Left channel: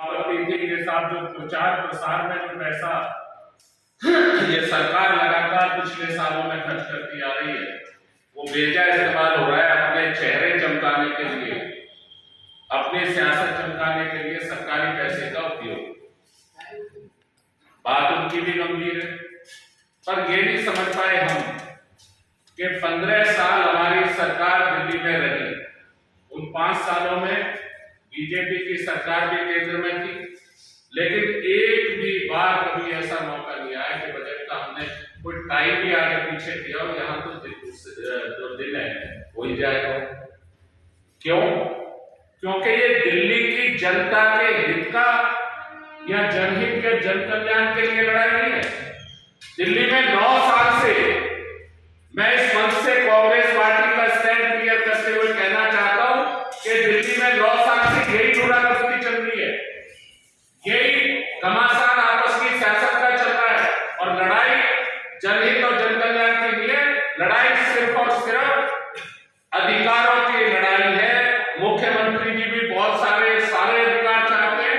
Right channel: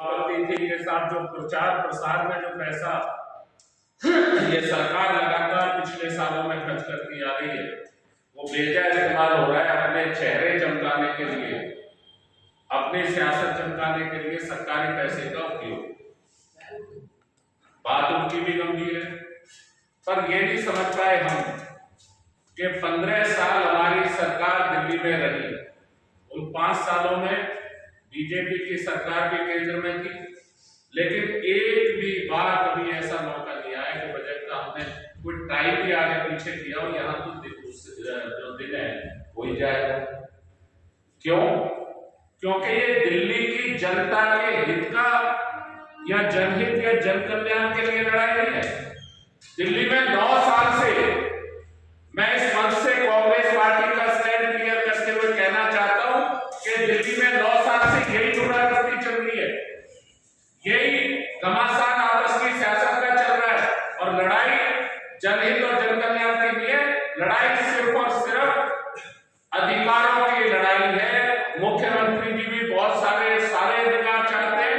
आपत्ति थी के साथ जो प्रचार प्रसार में जो पैसा ये सरकार लगातार पिछले सालों में खर्च करती आ रही है, वो बेजा इस्तेमाल हो रहा है अपने चेहरे चमकाने के लिए, अपनी सियासत चमकाने के लिए सरकारी पैसे का उपयोग। बात उनकी भी गंभीर है, पर ये नहीं समझ पाए हम कि 15 साल हमारी सरकार दिल्ली में रही। उन 5 सालों में बीजेपी की सरकार भी केंद्र में थी, लेकिन एक भी बार कभी ऐसा मौका नहीं आया कि बजट का हमने कोई टाइम भी आगे पीछे किया हो। यहाँ तो जो दिन है हो ही जाएगा। क्यों? क्योंकि ये दिल्ली की जनता के हित का या जनहित या जन कल्याण के लिए लड़ाई नहीं है। दिल्ली में 9 साल से मैं इस मंच से कांग्रेस पार्टी का स्टैंड क्लियर करते हुए कहना चाहता हूं कि दिल्ली में 9 साल से यही ढूंढाढूंढी चल रही है, यही घमासान आपस की सियासत का चल रहा है, और लड़ाई जनहित और जन कल्याण के लिए लड़ाई सिर्फ और सिर्फ अधिकारों की लड़ाई है। मुख्यमंत्री जी भी बहुत सारे अधिकार चाहते हैं,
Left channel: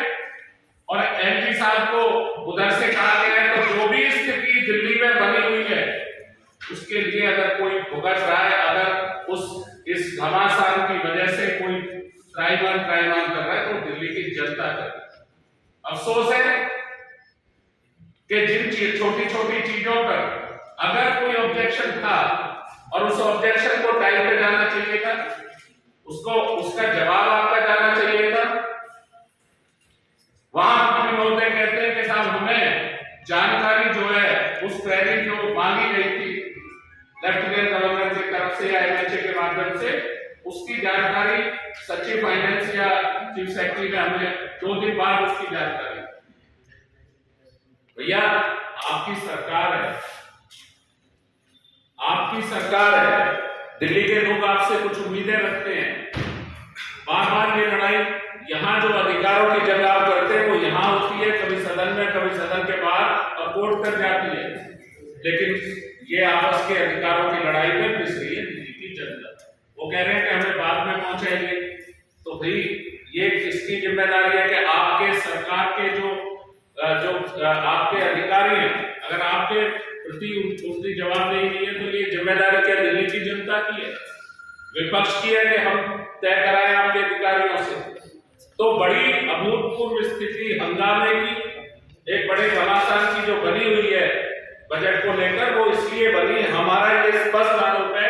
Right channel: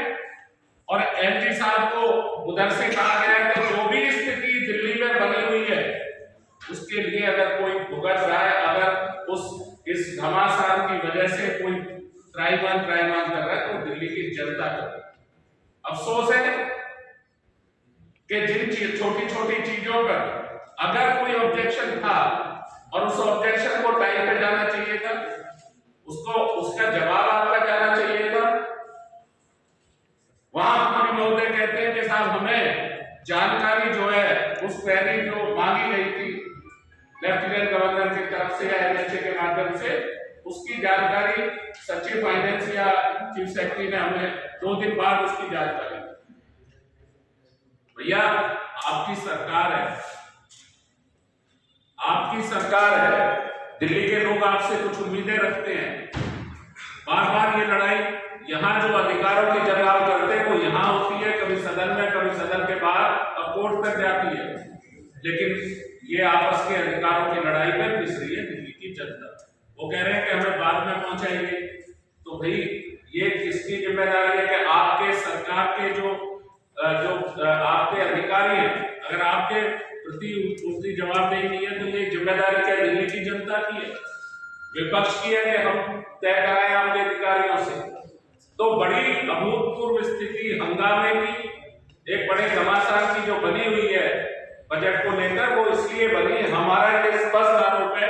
और एमजी साहब को उधर से कहा गया है तो जो भी स्थिति दिल्ली में बनी हुई है उसके लिए अगर कोई भुगत रहा है, अगर इस घमासान की वजह से कोई त्राईमान कर रहा है तो दिल्ली की जनता कर रही है। अफसोस है कि जिन छोटी छोटी चीजों पर अगर कोई ऑब्जेक्शन था और उस ऑब्जेक्शन को टाइम पे जाना चाहिए था, उसका जवाब आपका जाना चाहिए था। वहां महोदय कहते हैं कि साहब हमें जानकारी जो है उस क्वेरी जो मांगी गई थी लेफ्टिनेंट गवर्नर की तरफ से या एमएचए के माध्यम से, उसकी जानकारी सचिव फाइनेंस या चीफ सेक्रेटरी ने हमें 2 दिन बाद उसकी जानकारी। भैया आपकी सरकार है, आपकी सरकार है, दिल्ली के लोग आपसे कुछ उम्मीदें रखते हैं। बार बार ये लड़ाई यहाँ जो अधिकारों की जंग आप करते हैं वो यहाँ होती है, कभी सदन में कभी सदन के बाहर और कोर्ट तक जाती है, लेकिन ये आपस के अधिकारों की लड़ाई में पिस रही है दिल्ली की जनता। वो कह रहे हैं कि हमें बाद में पहुंचाएंगे, तो भाई ये किसकी जिम्मेदारी है कि आपके सरकार के जो आपके अधिकारी हैं, अगर आपके प्रति उनकी जवाबदेही नहीं है तो ये जिम्मेदारी क्या दिल्ली की जनता की है, विपक्ष की है कि हम तय कराएं आपके अधिकारियों से। तो बड़ी अभूतपूर्व स्थिति हंगामे की, एक बड़े घमासान की जो बनी हुई है बजट को लेकर, वो इसलिए बनी, हमारा ये स्पष्ट आरोप है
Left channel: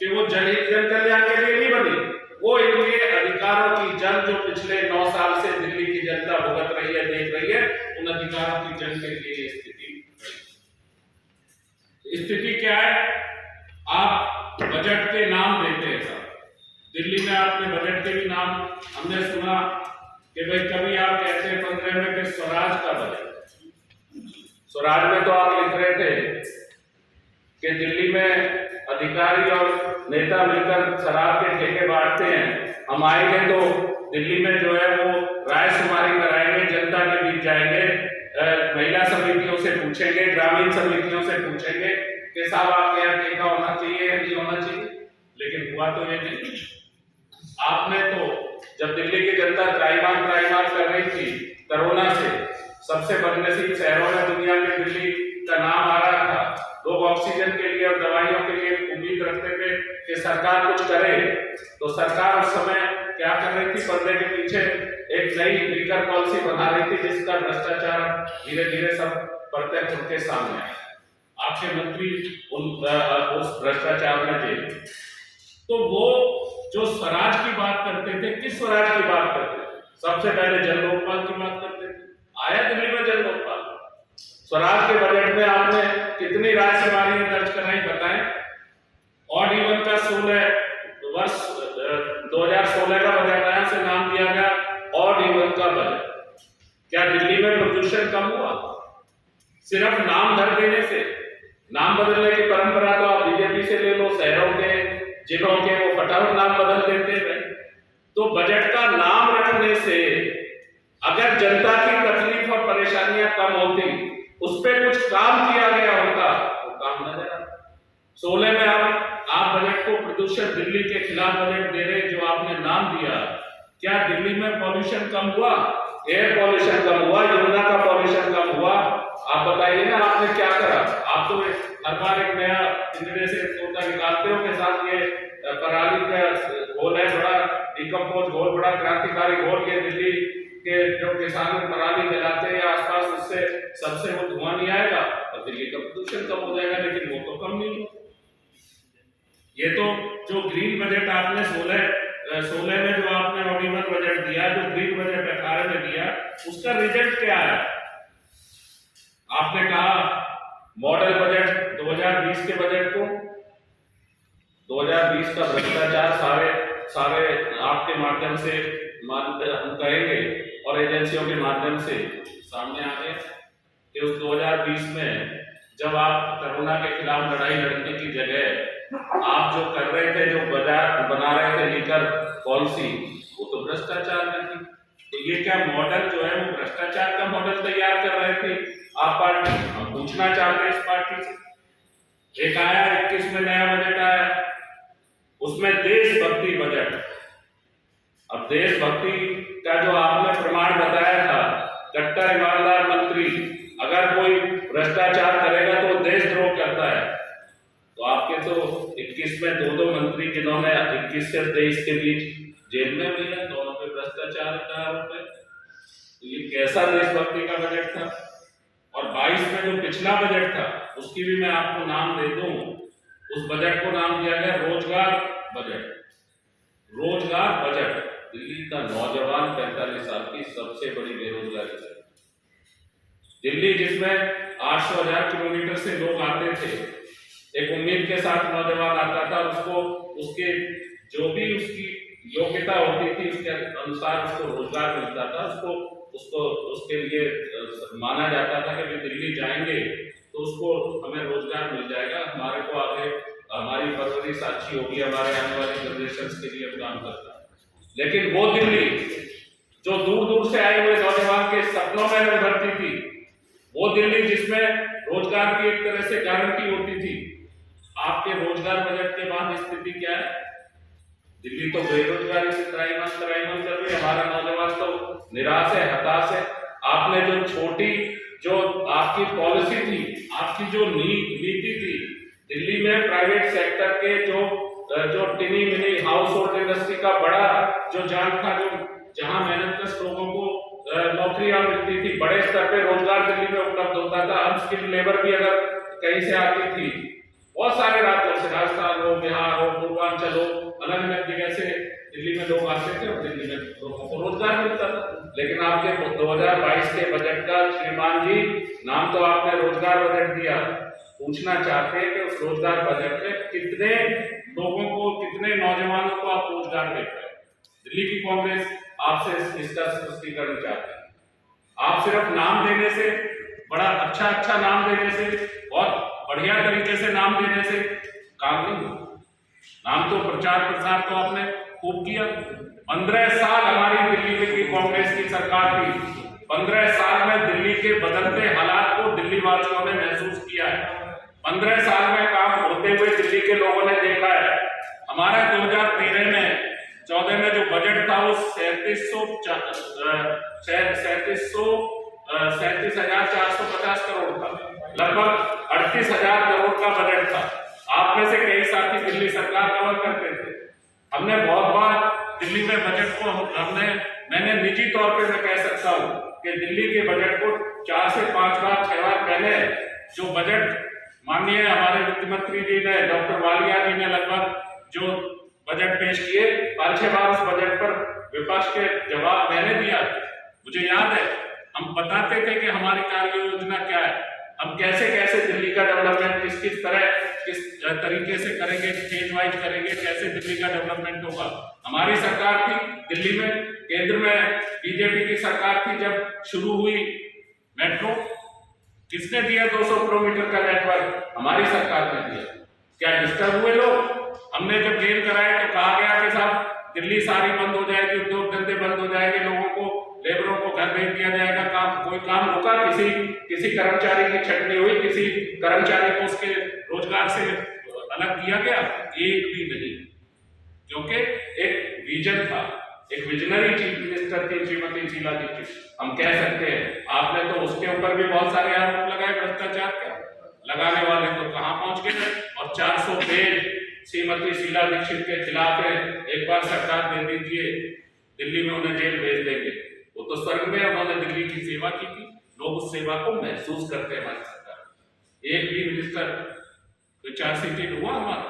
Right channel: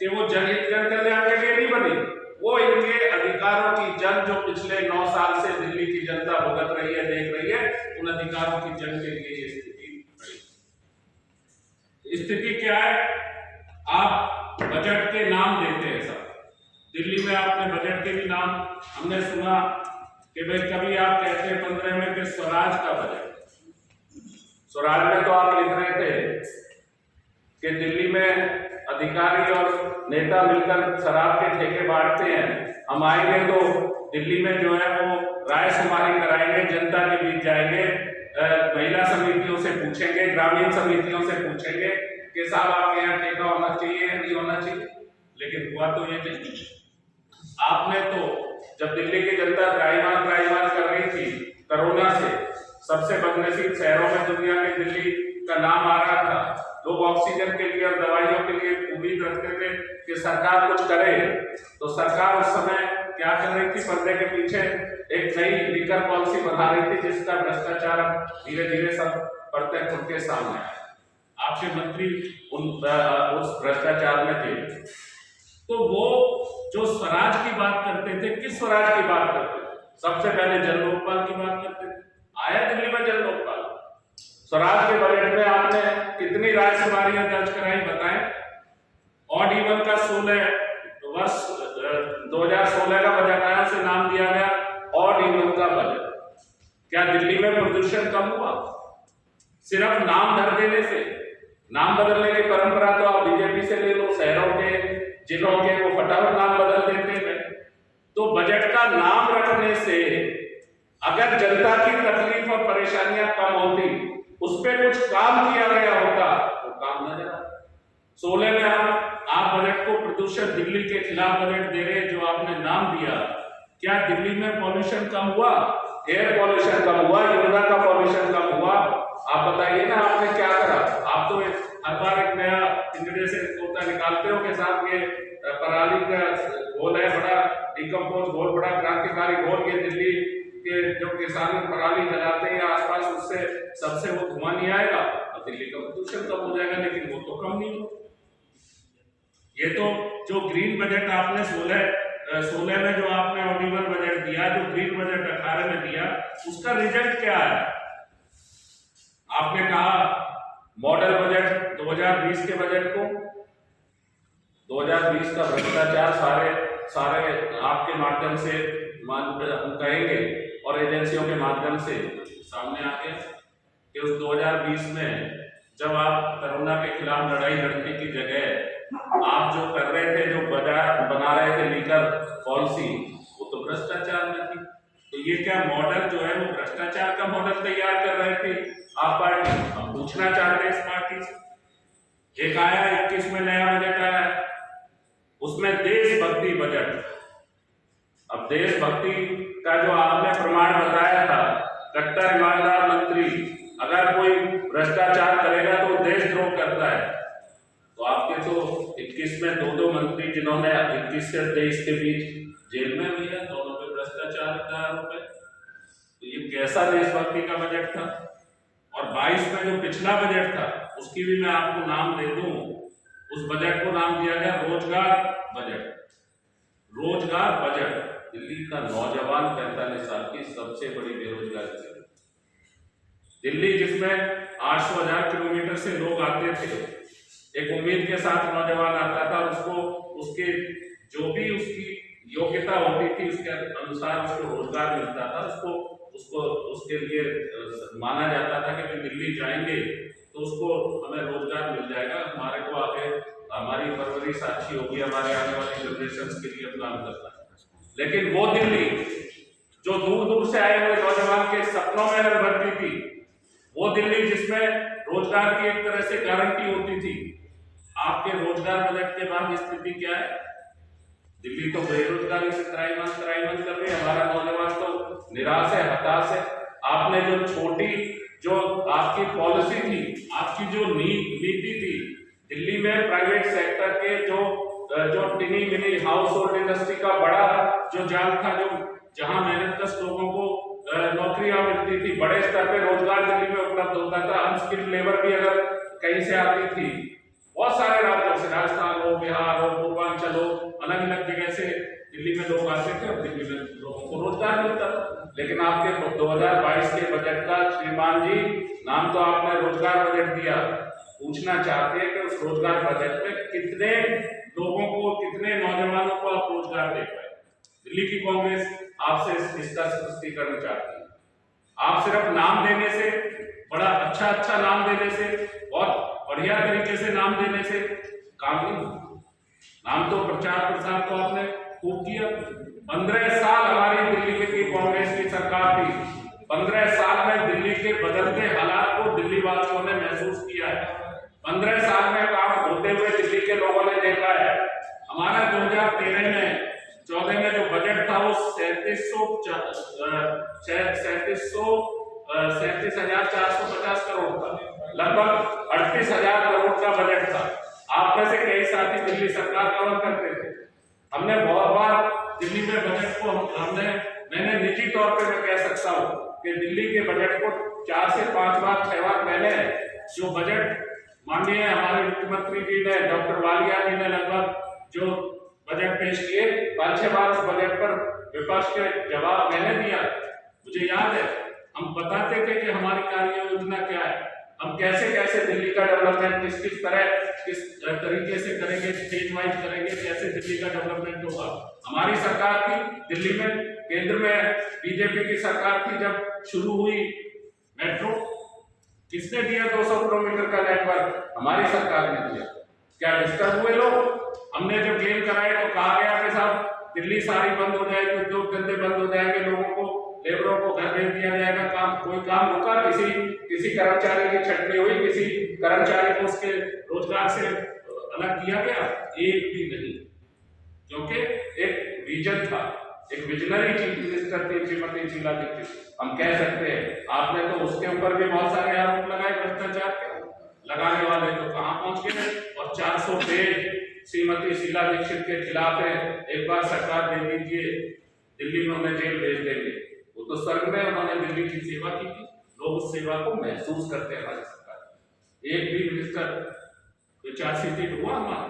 कि वो जनहित जन कल्याण के लिए नहीं बनी, वो इनके अधिकारों की जंग जो पिछले 9 साल से दिल्ली की जनता भुगत रही है, देख रही है, उन अधिकारों की जंग के लिए ये स्थिति क्या है? आप बजट के नाम देते हैं सब, दिल्ली में आपने बजट के भी नाम हमने सुना कि भाई कभी आप कहते हैं 15 में कि स्वराज का बजट, स्वराज में तो आप लिख रहे थे कि दिल्ली में अधिकारी और नेता मिलकर शराब के ठेके बांटते हैं, हम आएंगे तो दिल्ली में जो है वो राय शुमारी कराएंगे, जनता के बीच जाएंगे, महिला समितियों से पूछेंगे, ग्रामीण समितियों से पूछेंगे कि साहब आपके यहाँ ठेका होना चाहिए या नहीं होना चाहिए, लेकिन हुआ तो ये नहीं। आपने तो जब दिल्ली की जनता त्राईमाम कर रही थी कोरोना से, सबसे बदनसीब शहरों में दुनिया में दिल्ली का नाम आ रहा था, लोग ऑक्सीजन के लिए और दवाइयों के लिए उम्मीद रखते थे कि सरकार कुछ करे, तो सरकार उस समय क्या कर रही थी? पर्दे के पीछे एक नई लीकर पॉलिसी बना रही थी जिसका भ्रष्टाचार धीरे धीरे सब प्रत्यक्ष उनके सामने आया। आपके मंत्री उस भ्रष्टाचार में थे। तो वो जो स्वराज की बात करते थे, किस स्वराज की बात करते थे? सबसे पहले जन लोकपाल की बात करते थे। आया दिल्ली में जन लोकपाल? स्वराज के बजट में आपने कितनी राय शुमारियां दर्ज कराई बताएं? ऑड इवन का 2016 का बजट आया, से नाम दिया गया ऑड इवन का बजट। क्या दिल्ली में प्रदूषण कम हुआ? सिर्फ नाम धर देने से? नाम बदलने की परंपरा तो आप बीजेपी से ले लो, शहरों के जिलों के वो फटाफट नाम बदल देते हैं। तो बजट का नाम रखने से अगर जनता की तकलीफ और परेशानियां कम होती, उस पर कुछ काम किया गया होता, तो काम न देना। 16 में आप बजट को प्रदूषण दिल्ली के खिलाफ बजट दे रहे, जो आपने नाम दिया, क्या दिल्ली में पॉल्यूशन कम हुआ? एयर सरकारी घोल के दिल्ली के जो किसान पराली जलाते हैं आसपास, उससे सबसे वो धुआं नहीं आएगा और दिल्ली का प्रदूषण कम हो जाएगा, लेकिन वो तो कम नहीं हो। ये तो जो ग्रीन बजट आपने 16 में जो आपने ऑडिबल बजट दिया, जो ग्रीन बजट 18 में दिया, उसका रिजल्ट क्या है? आपने कहा मॉडल बजट 2020 के बजट को, 2020 का भ्रष्टाचार सारे आपके माध्यम से हम कहेंगे और एजेंसियों के माध्यम से सामने आ गया कि उस 2020 में जब आप कोरोना के खिलाफ लड़ाई लड़ने की जगह आप जो कर रहे थे, जो बना रहे थे लीकर पॉलिसी, वो तो भ्रष्टाचार में थी। तो ये क्या मॉडल जो है वो भ्रष्टाचार का मॉडल तैयार कर रहे थे आप पार्टी? हम पूछना चाहते हैं इस पार्टी से। एक आया 21 में नया बजट आया, उसमें देशभक्ति बजट। अब देशभक्ति का जो आपने प्रमाण बताया था, कट्टर ईमानदार मंत्री, अगर कोई भ्रष्टाचार करेगा तो देशद्रोह करता है। तो आपके तो 21 में दो मंत्री जिन्होंने 21 से 23 के बीच जेल में भी है, दोनों पे भ्रष्टाचार का आरोप है। तो ये कैसा देशभक्ति का बजट था? और 22 में जो पिछला बजट था, उसकी भी मैं आपको नाम दे दूं, उस बजट को नाम दिया गया रोजगार बजट। रोजगार बजट, दिल्ली का नौजवान 45 साल की सबसे बड़ी बेरोजगारी है। दिल्ली जिसमें 800,000 किलोमीटर से लोग आते थे, एक उम्मीद के साथ नौजवान आता था, उसको उसके जो भी उसकी योग्यता होती थी उसके अनुसार उसको रोजगार मिलता था, उसको उसके लिए माना जाता था कि वे दिल्ली जाएंगे तो उसको हमें रोजगार मिल जाएगा, हमारे को आगे हमारी परवरिश अच्छी होगी, हमारे आने वाली जनरेशन के लिए काम करता है। लेकिन वो दिल्ली जो दूर दूर से आए हुए नौजवान के सपनों में भरती थी, वो दिल्ली जिसमें रोजगार की एक तरह से गारंटी होती थी, आपके रोजगार बजट के बाद स्थिति क्या है? दिल्ली तो बेरोजगारी से त्राहिमाम कर रही है, हमारा नौजवान तो निराश है, हताश है। आपने जो छोटी जो आपकी पॉलिसी थी, आपकी जो नीति थी, दिल्ली में प्राइवेट सेक्टर के जो टिनी मिनी हाउस होल्ड इंडस्ट्री का बड़ा जो जाल था, जो जहां मेहनतकश लोगों को नौकरियां मिलती थी, बड़े स्तर पे रोजगार दिल्ली में उपलब्ध होता था, अनस्किल्ड लेबर भी अगर कहीं से आती थी, बहुत सारे राज्यों से, राजस्थान हो, बिहार हो, पूर्वांचल हो, अलग अलग जगह से दिल्ली में लोग आते थे और दिल्ली में लोगों को रोजगार मिलता था। लेकिन आपके 2022 के बजट का श्रीमान जी नाम तो आपने रोजगार बजट दिया, पूछना चाहते हैं कि उस रोजगार बजट में कितने लोगों को, कितने नौजवानों को आप रोजगार दे पाए? दिल्ली की कांग्रेस आपसे इसका स्पष्टीकरण चाहती है। आप सिर्फ नाम देने से, बड़ा अच्छा नाम देने से, बहुत बढ़िया तरीके से नाम देने से काम नहीं। नाम तो प्रचार प्रसार तो आपने खूब किया। 15 साल हमारी दिल्ली की कांग्रेस की सरकार थी, 15 साल में दिल्ली के बदलते हालात को दिल्ली वासियों ने महसूस किया है। 15 साल में काम होते हुए दिल्ली के लोगों ने देखा है। हमारा 2013 में 14 में जो बजट था वो 37,450 करोड़ था, लगभग 38,000 करोड़ का बजट था। आप में से कई साथी दिल्ली सरकार कवर करते थे। हमने बहुत बार दिल्ली में बजट को मैंने निजी तौर पे मैं कह सकता हूँ कि दिल्ली के बजट को 4 से 5 बार 6 बार पहले जो बजट माननीय हमारे वित्त मंत्री जी ने, डॉक्टर वालिया जी ने लगभग जो बजट पेश किए, 5-6 बार उस बजट पर विपक्ष के जवाब मैंने दिया। मुझे याद है, हम बताते थे कि हमारी कार्य योजना क्या है, हम कैसे कैसे दिल्ली का डेवलपमेंट किस तरीके से करेंगे, फेज वाइज करेंगे, कैसे दिल्ली का डेवलपमेंट होगा। हमारी सरकार थी दिल्ली में, केंद्र में बीजेपी की सरकार थी, जब शुरू हुई मेट्रो, किसने दिया 200 किलोमीटर का नेटवर्क? हमारी सरकार ने दिया। क्या डिस्टर्ब हुए लोग? हमने जब गेम कराए तो कहा गया कि साहब दिल्ली सारी बंद हो जाएगी, उद्योग धंधे बंद हो जाएंगे, लोगों को, लेबरों को घर भेज दिया जाएगा, कोई काम रुका? किसी कर्मचारी की छटनी हुई? किसी कर्मचारी को उसके रोजगार से अलग किया गया? एक भी नहीं, क्योंकि एक विजन था, एक विजनरी चीफ मिनिस्टर थी श्रीमती शीला दीक्षित। हम कह सकते हैं, आपने तो उसके ऊपर भी बहुत सारे आरोप लगाए भ्रष्टाचार के, लगाने वाले तो कहां पहुंच गए। और 400 पेज श्रीमती शीला दीक्षित के खिलाफ है, एक बार सरकार दे दीजिए। दिल्ली में उन्हें जेल भेज देंगे। वो तो स्वर्ग में उन्होंने दिल्ली की सेवा की थी, लोग उस सेवा को महसूस करते हैं। हमारी सरकार एक भी मिनिस्टर कोई चार्जशीट हुआ हमारा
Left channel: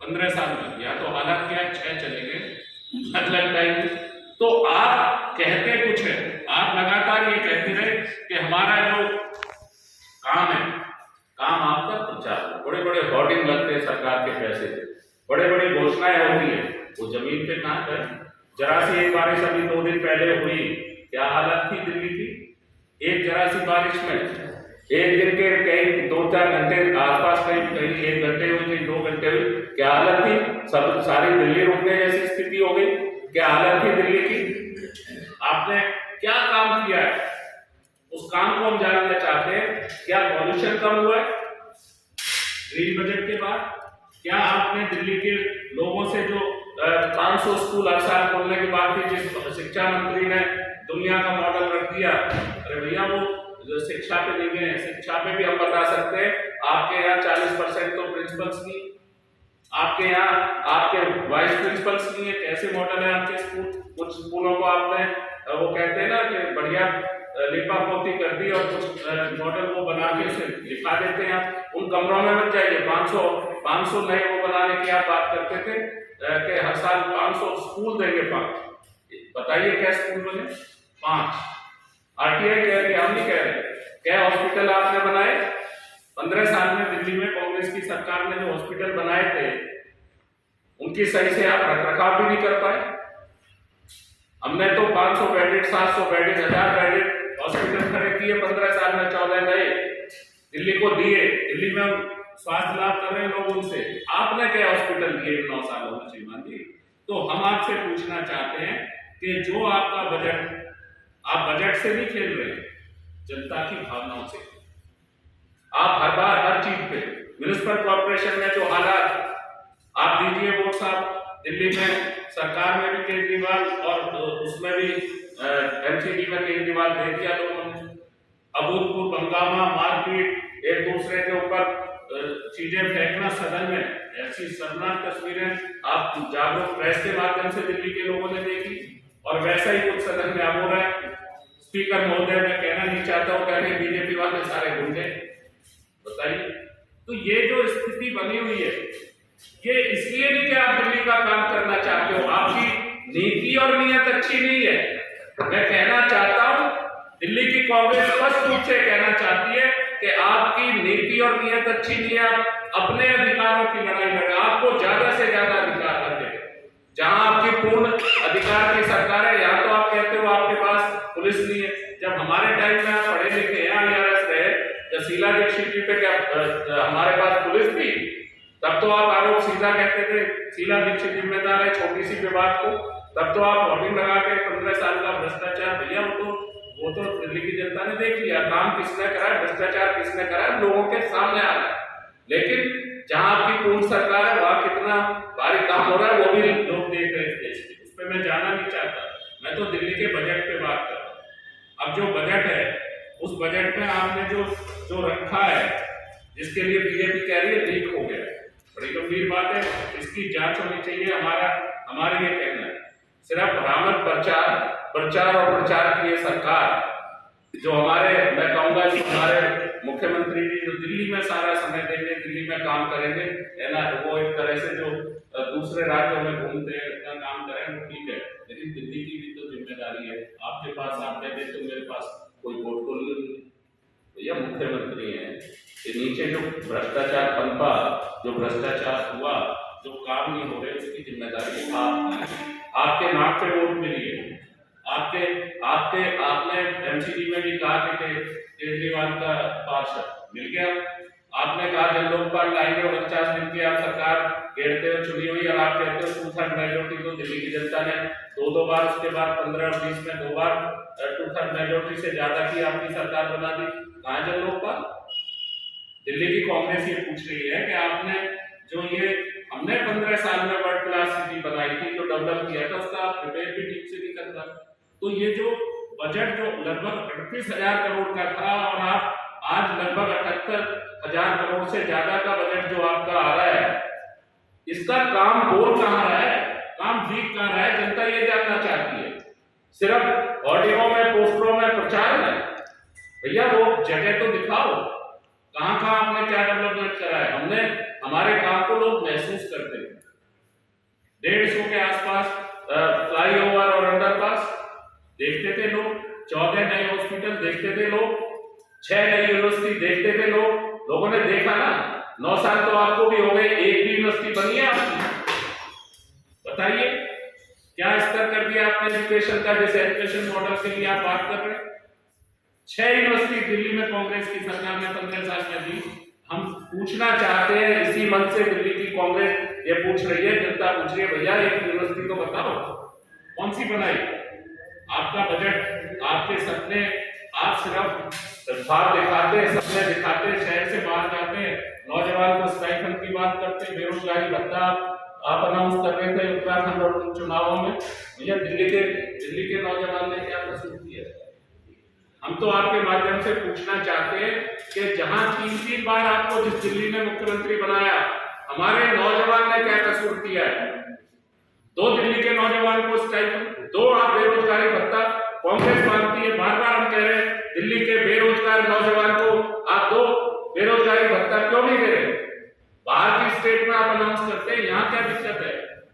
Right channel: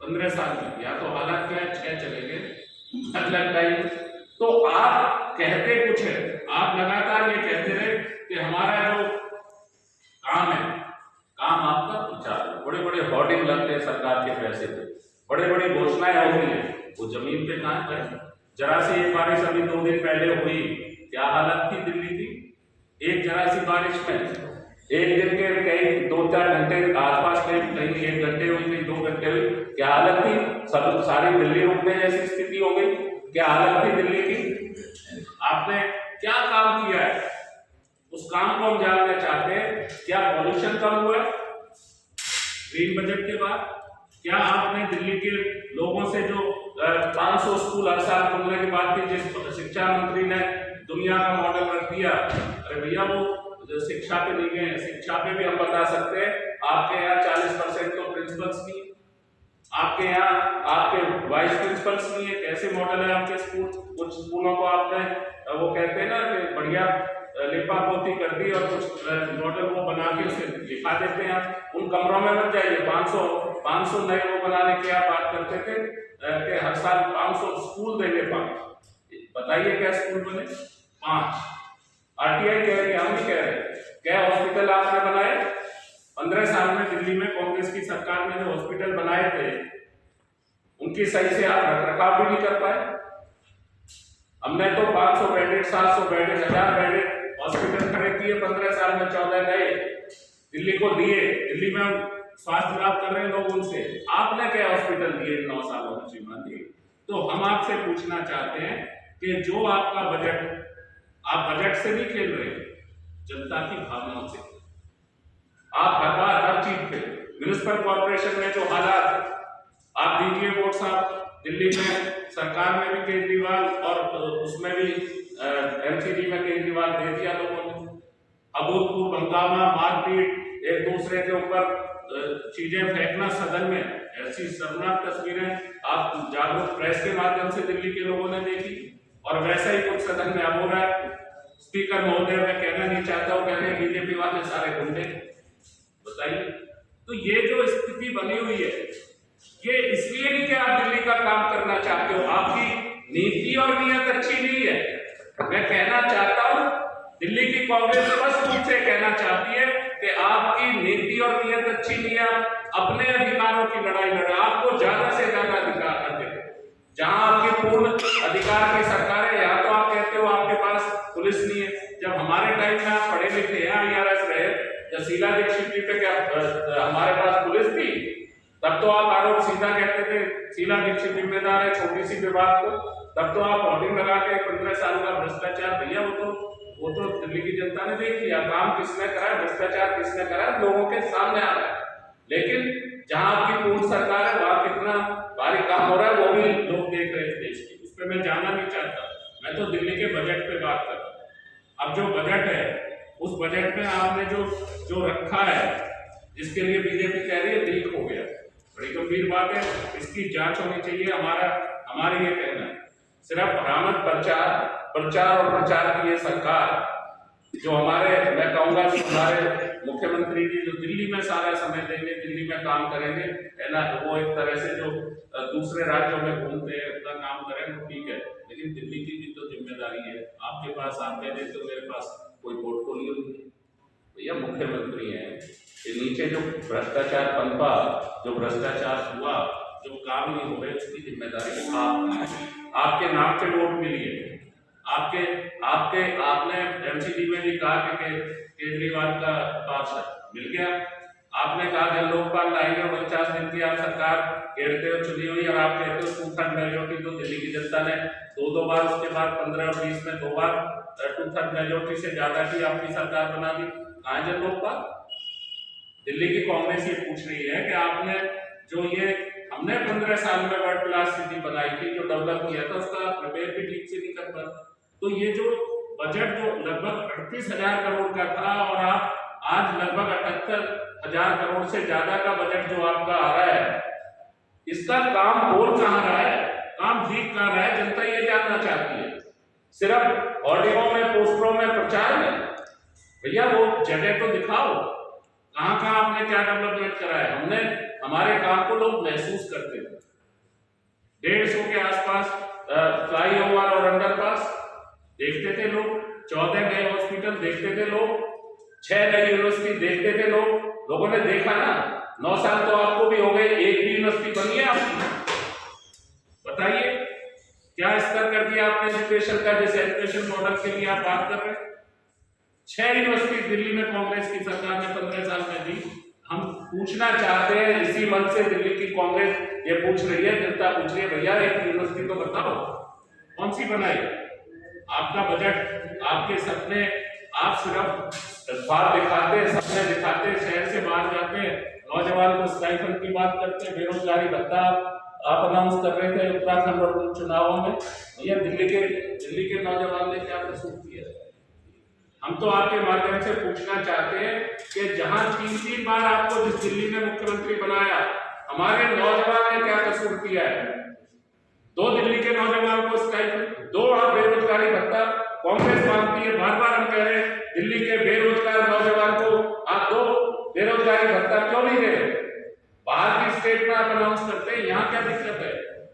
15 साल में, या तो हालात क्या 6 चले गए अलग टाइम। तो आप कहते कुछ है, आप लगातार ये कहते रहे कि हमारा जो काम है, काम आपका प्रचार, बड़े बड़े होर्डिंग लगते हैं सरकार के पैसे से, बड़े बड़ी घोषणाएं होती है, वो जमीन पे कहां गए? जरा सी एक बारिश अभी 2 दिन पहले हुई, क्या हालत थी दिल्ली की? एक जरा सी बारिश में एक दिन के कई 2-4 घंटे आसपास, कहीं 1 घंटे हुई, कहीं 2 घंटे हुई, क्या हालत थी? सब सारी दिल्ली रुकने जैसी स्थिति हो गई। क्या हालत थी दिल्ली की? आपने क्या काम किया है, उस काम को हम जानना चाहते हैं। क्या पॉल्यूशन कम हुआ है ग्रीन बजट के बाद? क्या आपने दिल्ली के लोगों से जो 500 स्कूल हर साल खोलने की बात थी, जिस शिक्षा मंत्री ने दुनिया का मॉडल रख दिया, अरे भैया वो जो शिक्षा पे नहीं है, शिक्षा पे भी हम बता सकते हैं आपके यहाँ 40% तो प्रिंसिपल्स नहीं, आपके यहाँ आपके वाइस प्रिंसिपल्स नहीं है। कैसे मॉडल है आपके स्कूल? कुछ स्कूलों को आपने वो कहते हैं ना कि बढ़िया लिपा पोती कर दी और कुछ मॉडल वो बना के उसे लिखा देते हैं। आप उन कमरों में मत जाइए। 500 नए वो बनाने की आप बात करते थे कि हर साल 500 स्कूल देंगे। 5 बताइए क्या स्कूल बने? 5 आरटीआई कह रहे, हम नहीं कह रहे। क्या हॉस्पिटल आपने बनाए? 15 साल में दिल्ली में कांग्रेस की सरकार ने जो हॉस्पिटल बनाए थे, उनकी सही से आप रखरखाव भी नहीं कर पाए। हमने तो 500 बेडेड, 700 बेडेड, 1000 बेडेड हॉस्पिटल खड़े किए 15 साल में, 14 नए दिल्ली को दिए। दिल्ली में स्वास्थ्य लाभ कर रहे हैं लोग उनसे। आपने क्या हॉस्पिटल दिए 9 सालों में श्रीमान जी? तो हम आपसे पूछना चाहते हैं कि जो आपका बजट, आप बजट से नहीं खेल रहे, जनता की भावनाओं से। आप हर बार हर चीज पे, म्युनिसिपल कॉर्पोरेशन में जो हालात, आप दीजिए वोट साहब, दिल्ली में सरकार में भी केजरीवाल और उसमें भी एमसीडी में केजरीवाल दे दिया लोगों ने। अभूतपूर्व हंगामा, मारपीट, एक दूसरे के ऊपर चीजें फेंकना सदन में, ऐसी शर्मनाक तस्वीरें आप जागरूक प्रेस के माध्यम से दिल्ली के लोगों ने देखी। और वैसा ही कुछ सदन में अब हो रहा है। स्पीकर महोदय, मैं कहना नहीं चाहता हूँ, कहने बीजेपी वाले सारे गुंडे। बताइए, तो ये जो स्थिति बनी हुई है, ये इसलिए नहीं कि आप दिल्ली का काम करना चाहते हो, आपकी नीति और नियत अच्छी नहीं है। मैं कहना चाहता हूं, दिल्ली की कांग्रेस स्पष्ट रूप से कहना चाहती है कि आपकी नीति और नियत अच्छी नहीं है। आप अपने अधिकारों की लड़ाई लड़ रहे हैं। आपको ज्यादा से ज्यादा अधिकार मिले, जहां आपकी पूर्ण अधिकार की सरकार है, यहाँ तो आप कहते हो आपके पास पुलिस नहीं है। जब हमारे टाइम में आप पढ़े लिखे हैं, IRS रहे, जब शीला दीक्षित जी पे क्या हमारे पास पुलिस थी? तब तो आप आरोप सीधा कहते थे शीला दीक्षित जिम्मेदार है छोटी सी विवाद को। तब तो आप होर्डिंग लगा के 15 साल का भ्रष्टाचार, भैया वो तो दिल्ली की जनता ने देख लिया। काम किसने करा, भ्रष्टाचार किसने करा, लोगों के सामने आ रहा है। लेकिन जहां आपकी पूर्ण सरकार है, वहां कितना भारी काम हो रहा है वो भी लोग देख रहे थे। उस पर मैं जाना नहीं चाहता, मैं तो दिल्ली के बजट पे बात कर रहा हूँ। अब जो बजट है, उस बजट में आपने जो रखा है, जिसके लिए बीजेपी कह रही है लीक हो गया, बड़ी गंभीर बात है, इसकी जांच होनी चाहिए। हमारे ये कहना है, सिर्फ बरामद प्रचार और प्रचार की ये सरकार, जो मैं कहूंगा कि हमारे मुख्यमंत्री जी जो दिल्ली में सारा समय देंगे, दिल्ली में काम करेंगे, है ना, वो एक तरह से जो दूसरे राज्यों में घूमते हैं, अपना काम करें, वो ठीक है। लेकिन दिल्ली की भी तो जिम्मेदारी है। आपके पास, आप कहते तो मेरे पास कोई पोर्टफोलियो नहीं है, भैया मुख्यमंत्री हैं। ये नीचे जो भ्रष्टाचार पनपा, जो भ्रष्टाचार हुआ, जो काम नहीं हो रहे, उसकी जिम्मेदारी आपके नाम पे वोट मिली है। आपने एमसीडी में भी कहा कि केजरीवाल का पार्षद मिल गया। आपने कहा जब लोकपाल लाएंगे और 49 दिन की आप सरकार घेरते हो चुनी हुई, और आप कहते हो 2/3 मेजोरिटी तो दिल्ली की जनता ने 2 बार, उसके बाद 15 और 20 में 2 बार 2/3 मेजोरिटी से ज्यादा की आपकी सरकार बना दी। कहाँ जन लोकपाल? दिल्ली की कांग्रेस ये पूछ रही है कि आपने जो ये हमने 15 साल में वर्ल्ड क्लास सिटी बनाई थी, जो डेवलप किया था, उसका प्रिपेयर भी ठीक से नहीं कर पाए। तो ये जो बजट जो लगभग 38,000 करोड़ का था, और आप आज लगभग 78,000 करोड़ से ज्यादा का बजट जो आपका आ रहा है, इसका काम बोल कहाँ रहा है? काम दिख कहाँ रहा है, जनता ये जानना चाहती है। सिर्फ ऑडियो में, पोस्टरों में, प्रचार में, भैया वो जगह तो दिखाओ, कहाँ कहाँ आपने क्या डेवलपमेंट करा है। हमने हमारे काम को लोग महसूस करते हैं। 150 के आसपास फ्लाईओवर और अंडरपास देखते थे लोग, 14 नए हॉस्पिटल देखते थे लोग, 6 नई यूनिवर्सिटी देखते थे लोग। लोगों ने देखा ना, 9 साल तो आपको भी हो गए, एक भी यूनिवर्सिटी बनी है आपकी? बताइए क्या स्तर कर दिया आपने एजुकेशन का, जैसे एजुकेशन मॉडल के लिए आप बात कर रहे हैं। 6 यूनिवर्सिटी दिल्ली में कांग्रेस की सरकार ने 15 साल में दी। हम पूछना चाहते हैं, इसी मन से दिल्ली की कांग्रेस ये पूछ रही है, जनता पूछ रही है, भैया एक यूनिवर्सिटी तो बताओ कौन सी बनाई। आपका बजट, आपके सपने, आप सिर्फ ख्वाब दिखाते हैं, सपने दिखाते हैं, शहर से बाहर जाते हैं, नौजवान को स्टाइपेंड की बात करते हैं, बेरोजगारी भत्ता आप अनाउंस कर रहे थे उत्तराखंड और चुनावों में। भैया दिल्ली के नौजवान ने क्या प्रस्तुत किया? हम तो आपके माध्यम से पूछना चाहते हैं कि जहां 3 बार आपको जिस दिल्ली ने मुख्यमंत्री बनाया, हमारे नौजवान ने क्या कसूर किया है? 2 दिल्ली के नौजवान को स्टाइपेंड, 2 बेरोजगारी भत्ता कांग्रेस मांगती है। बार बार हम कह रहे हैं दिल्ली के बेरोजगार नौजवान को आप 2 बेरोजगारी भत्ता क्यों नहीं दे रहे? बाहर की स्टेट में आप अनाउंस करते हैं, यहाँ क्या दिक्कत है?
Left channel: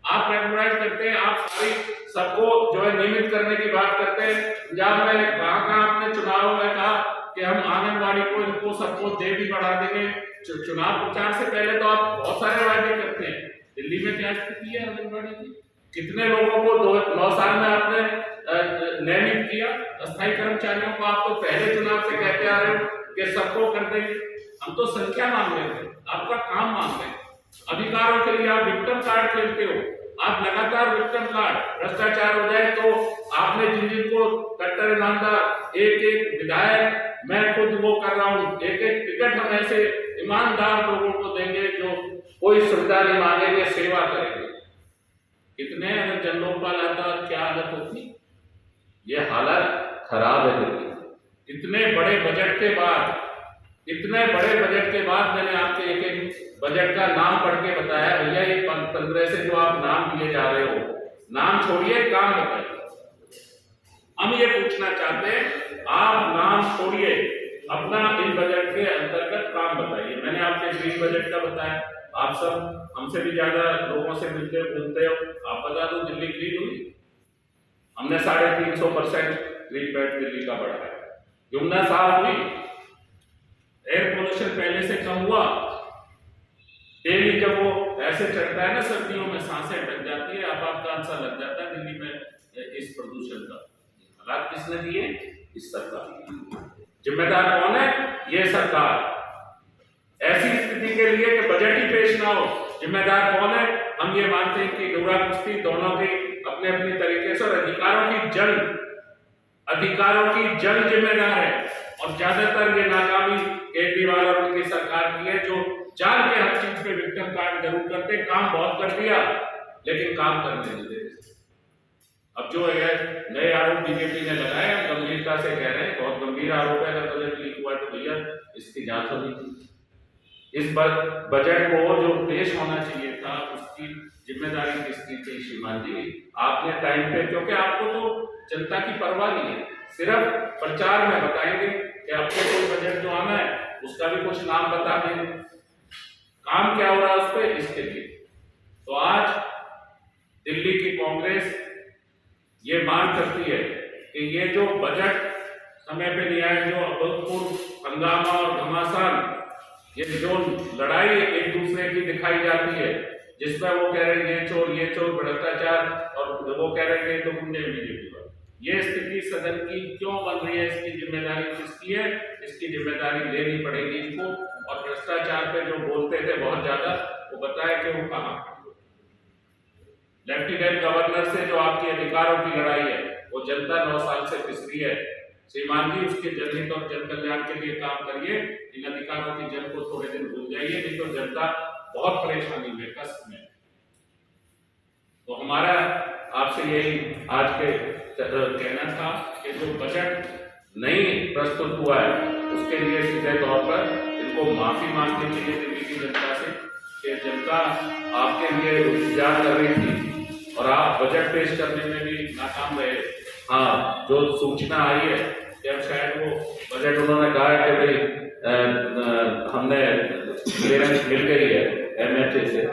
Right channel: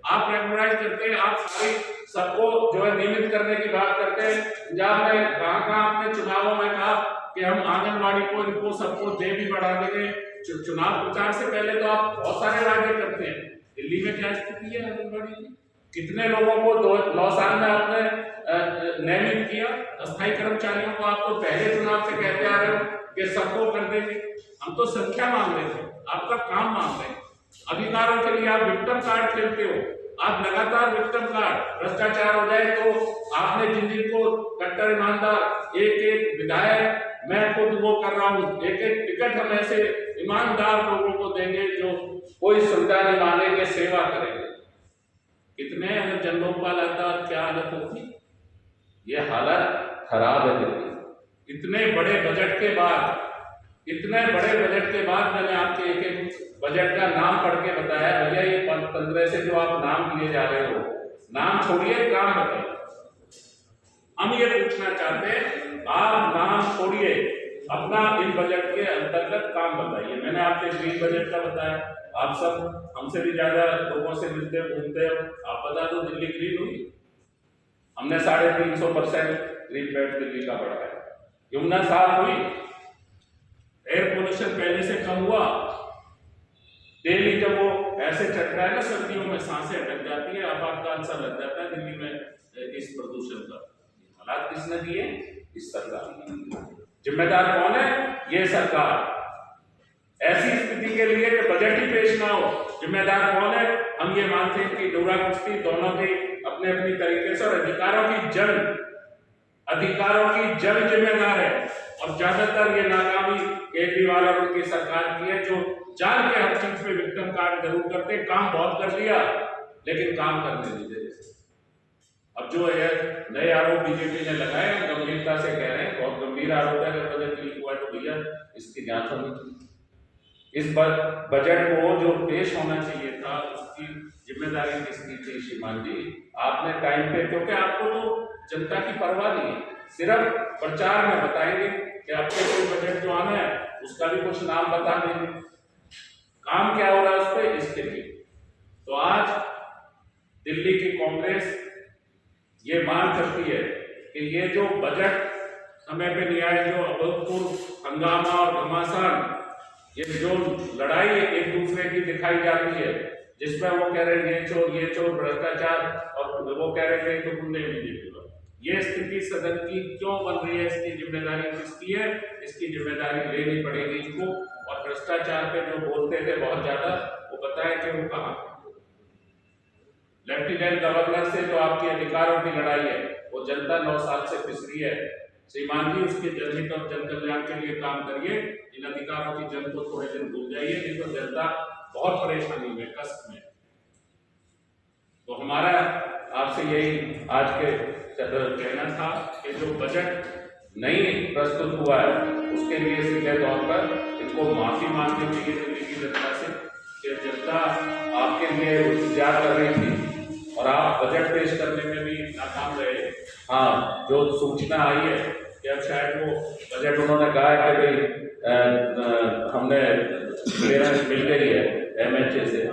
आप रेगुलराइज करते हैं, आप सारी सबको जो है नियमित करने की बात करते हैं। पंजाब में कहाँ आपने चुनावों में कहा कि हम आंगनबाड़ी को, इनको सबको दे भी बढ़ा देंगे। चुनाव प्रचार से पहले तो आप बहुत सारे वायदे करते हैं। दिल्ली में क्या स्थिति है आंगनबाड़ी की? कितने लोगों को 9 साल में आपने नियमित किया? अस्थायी कर्मचारियों को आप तो पहले चुनाव से कहते आ रहे हो कि सबको कर देंगे। हम तो संख्या मांग रहे थे, आपका काम मांग रहे हैं। अधिकारों के लिए आप विक्टिम कार्ड खेलते हो, आप लगातार विक्टिम कार्ड, भ्रष्टाचार हो जाए तो आपने जिन को कट्टर ईमानदार, एक विधायक, मैं खुद वो कर रहा हूँ, एक टिकट हम ऐसे ईमानदार लोगों को देंगे जो कोई सुविधा नहीं मांगेंगे, सेवा करेंगे। कितने जन लोकपाल आता और क्या हालत होती? ये हालत खराब है। इतने बड़े बजट के बाद, मैंने आपके एक बजट का नाम पढ़ के बताया, भैया ये 15 से जो आप नाम लिए जा रहे हो, नाम छोड़िए, काम बताइए। हम ये पूछना चाहते हैं, आप नाम छोड़िए, अपना इन बजट के अंतर्गत काम बताइए। मैंने आपके ग्रीन बजट का बताया, आप सब हमसे भी ज्यादा लोगों से मिलते घूमते हो, आप बता दो दिल्ली ग्रीन हुई? हमने 350% ग्रीन बेल्ट दिल्ली का बढ़ाया। यमुना साफ हुई? एयर पोल्यूशन पहले से कम हुआ? डेली जब वो ऐसे चढ़ता है ना सर्दियों में, सांसें अटक जाती है, अब आपका आंसर लग जाता है दिल्ली में इस प्रदूषण का। हालात किसने दिए? इस सरकार। जिम्मेदार कौन है? ये सरकार। ऐसी स्थिति के लिए कि बजट ही पेश ना हो, जिम्मेदार कौन है? हम ये मानते हैं कि डोरा कुश्ती दोनों की अपने अपनी तरीके से, और अधिकारों की जंग जिम्मेदार है। और ज्यादातर ये नाकामी केजरीवाल और उनकी सरकार की है, जो जान के हर चीज पे विक्टिम कार्ड जरूर करते, काम बहुत कर दिया लेकिन काम करने नहीं देते। अब जो है नए आरोप बीजेपी ने लगाए, गंभीरता से कह रहे हैं, बहुत गंभीर आरोप है, अगर बजट लीक हुआ है तो भैया इसकी जांच होनी चाहिए। इस बजट को जो पेश होना चाहिए था, उसकी जिम्मेदारी किसकी थी? श्रीमान जी, आपने टाइम पे, क्योंकि आपको तो जनता की परवाह नहीं है, सिर्फ प्रचार में बताएंगे कि आपके कोई बजट जो आना है उसका भी कुछ नाम बता देंगे, काम क्या हो रहा है उस पर, इसके लिए। तो आज दिल्ली की कांग्रेस ये मांग करती है कि ये जो बजट समय पे नहीं आया, जो अभूतपूर्व हंगामा और घमासान, ये जो लड़ाई एक दूसरे की दिखाई जाती है, जिसमें वो कह रहे हैं ये चोर भ्रष्टाचार, और वो कह रहे हैं तो गुंडे बीजेपी पर, ये स्थिति सदन की क्यों बन रही है? इसकी जिम्मेदारी किसकी है? इसकी जिम्मेदारी लेनी पड़ेगी इनको। और भ्रष्टाचार पे जो बोलते थे बहुत ज्यादा, वो बताए कि वो कहाँ। लेफ्टिनेंट गवर्नर से जो आपके अधिकारों की लड़ाई है, वो जनता 9 साल से पिसरी है। श्रीमान जी, उसके जनहित और जन कल्याण के लिए काम करिए, इन अधिकारों की जंग को थोड़े दिन भूल जाइए, नहीं तो जनता बहुत परेशानी में, कष्ट में। तो हमारा आपसे यही आज के कहना था कि जो बजट नहीं प्रस्तुत हुआ है, उसके लिए सीधे तौर पर इनको माफी मांगनी चाहिए दिल्ली की जनता से, कि जनता आपके लिए इंतजार कर रही थी और आप बजट पेश करने में भी नाकाम रहे। हाँ, जो सूचना आई है कि अब शायद वो बजट उन्होंने कहा है कि भाई हमने क्लियरेंस मिल गई है MHA से।